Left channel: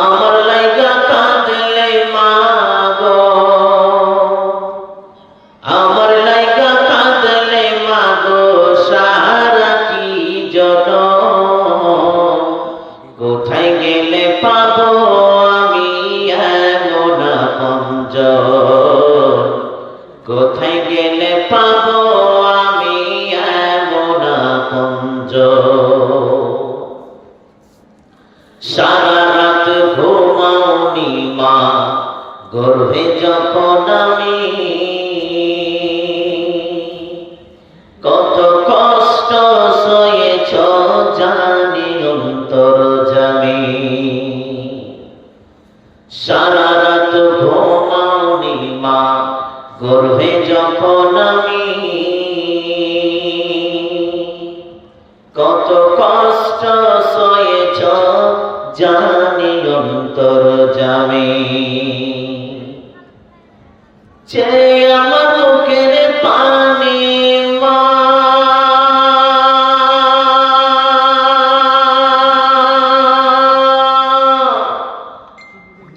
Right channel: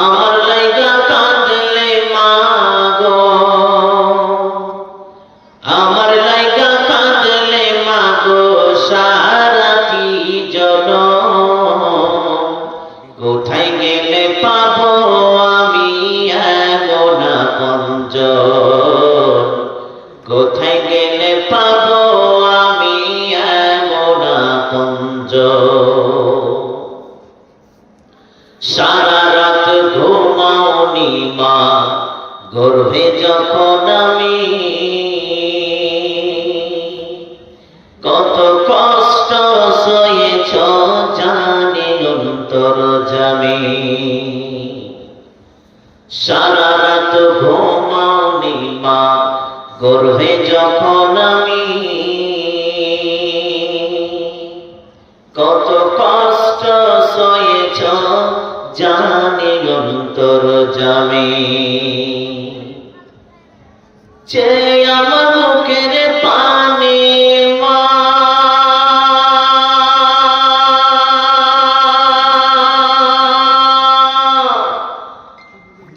আমার লাইগা কাঁদলে মা গো, আমার লাইগা কাঁদলে মা গো সারাটি জনম। কোথায় গেলে পাবো আমি এমন আপনজন, কোথায় গেলে পাবো আমি এমন আপনজন। সারা রাত ঘুমাওনি মা গর্ভে যখন আমি, কত কষ্ট সয়েছ জানি অন্তর্যামী। সারা রাত ঘুমাওনি মা গর্ভে যখন আমি, কত কষ্ট সয়েছ জানি অন্তর্যামী। যে আমার বুকের পানি মা,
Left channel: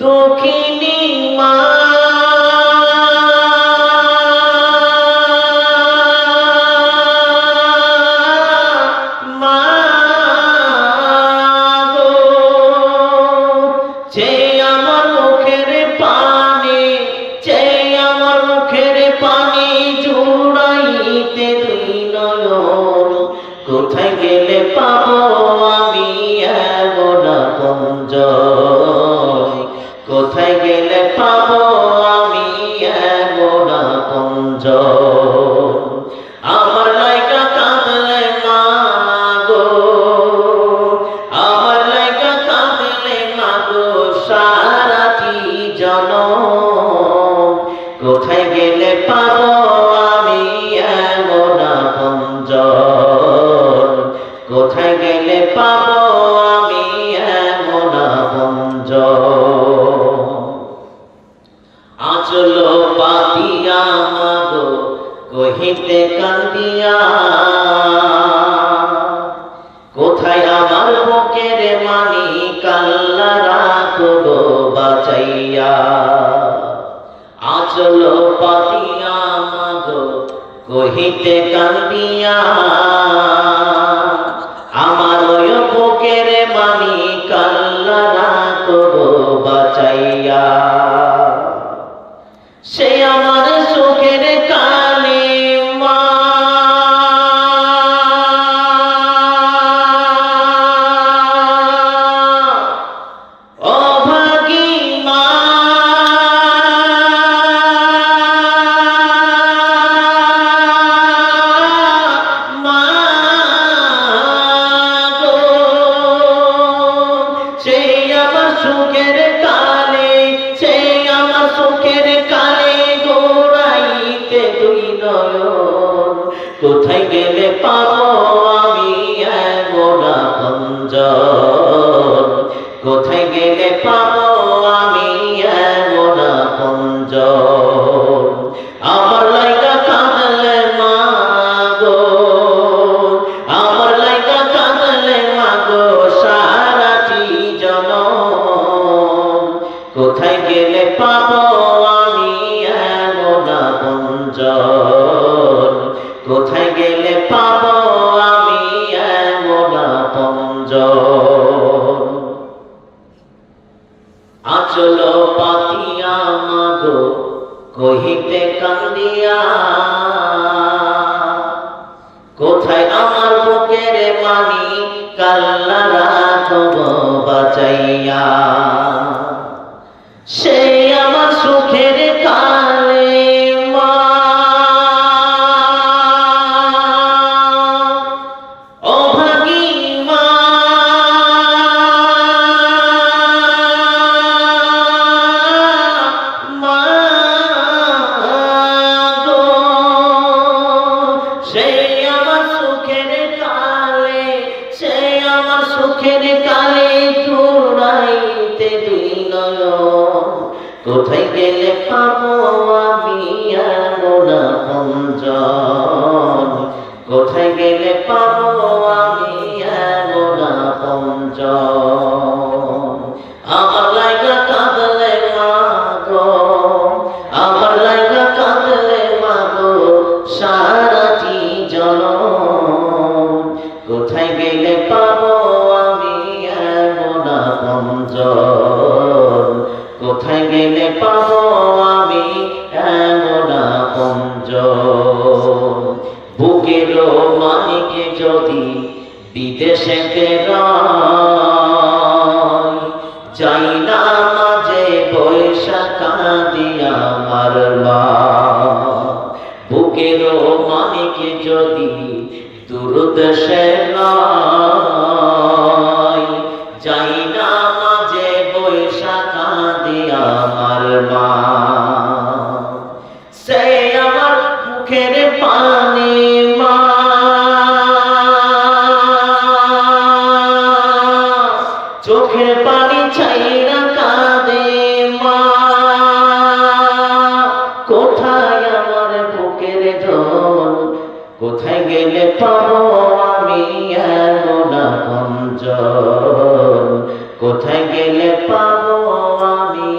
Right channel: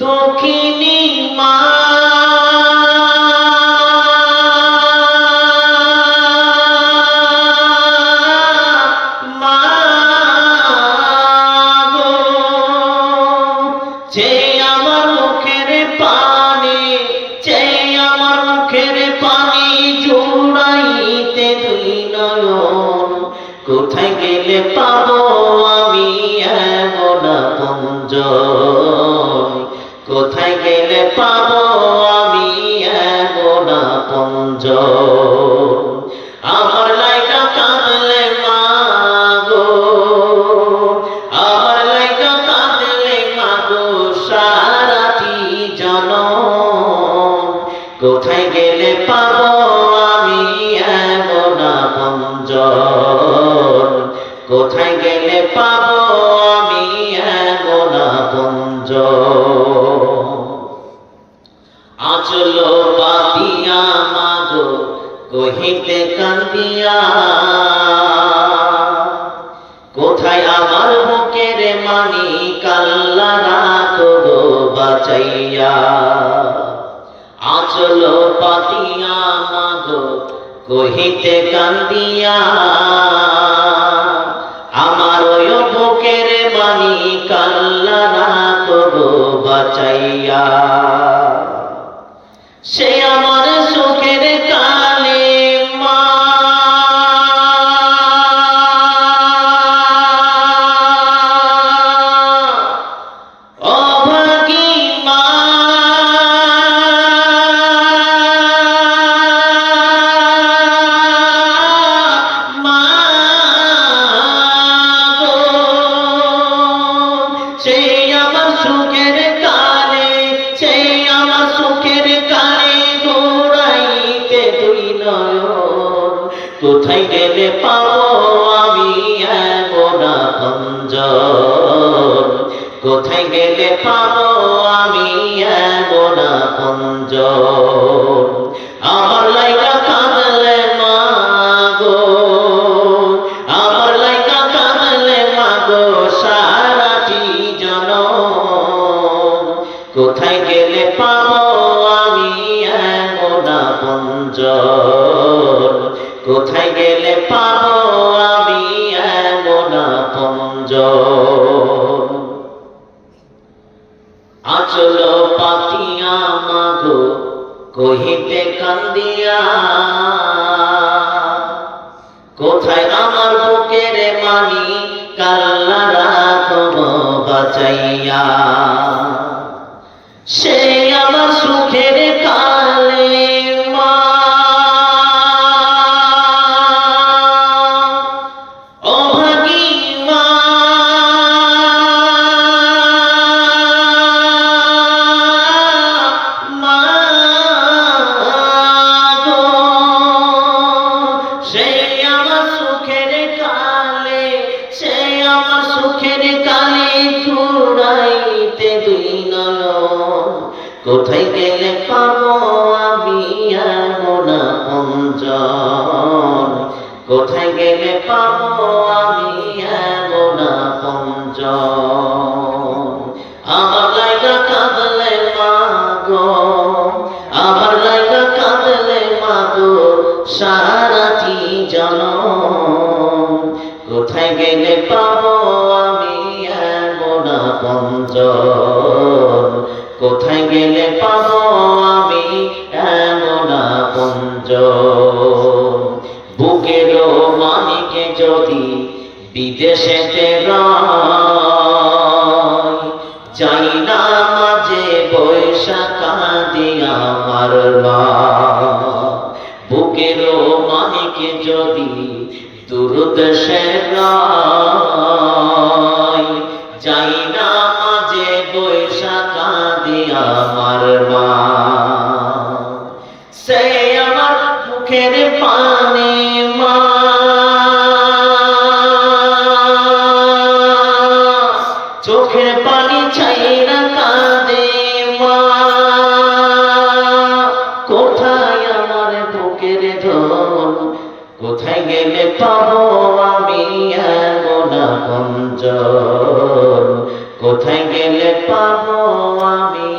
দক্ষিণী মা, যে আমার মুখের পানি, যে আমার মুখের পানি জুড়াইতে দুই নয়ন। কোথায় গেলে পাবো আমি এমন আপনজন, কোথায় গেলে পাবো আমি এমন আপনজন। আমার লাইগা কাঁদলে মা গো, আমার লাইগা কাঁদলে মা গো সারাটি জনম। কোথায় গেলে পাবো আমি এমন আপনজন, কোথায় গেলে পাবো আমি এমন আপনজন। আঁচল পাতিয়া মা গো কহিতে কান্দিয়া, কোথায় আমার বুকের মানি কাল্লা রাখবো বাঁচাইয়া। আঁচল পাতিয়া মা গো কহিতে কান্দিয়া, আমার ওই বুকের মানি কাল্লা রাখবো বাঁচাইয়া। সে আমার সুখের কালে মা, অভাগী মা, মা গো। সে আমার সুখের কালে, সে আমার সুখের কালে গোড়াইতে দুই নয়ন। কোথায় গেলে পাবো আমি এমন আপনজন, কোথায় গেলে পাবো আমি এমন আপনজন। আমার লাইগা কাঁদলে মা গো, আমার লাইগা কাঁদলে মা গো সারাটি জনম। কোথায় গেলে পাবো আমি এমন আপনজন, কোথায় গেলে পাবো আমি এমন আপনজন। আঁচল পাতিয়া মা গো কহিতে কান্দিয়া, কোথায় আমার বুকের মানি কাল্লা রাখবো বাঁচাইয়া। সে আমার সুখের কালে মা, অভাগী মা, মা গো। সে আমার সুখের কালে, সে আমার সুখের কালে জুড়াইতে দুই নয়ন। কোথায় গেলে পাবো আমি এমন আপনজন, কোথায় গেলে পাবো আমি এমন আপনজন। আমার যাই না মাঝে বৈশাখা দিয়া আমার মা বুকের মানিকে যদি দুর্দশে নাই যাই না মাঝে বৈশাখা দিয়া আমার মা সে আমার মুখের পানি মা চোখের পানি চাই না কাঁদে মা কোথায় আমার বুকের ধন কোথায় গেলে পাবো আমি এমন আপনজন কোথায় গেলে পাবো আমি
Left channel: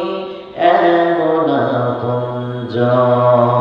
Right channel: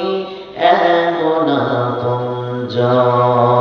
এমন আপনজন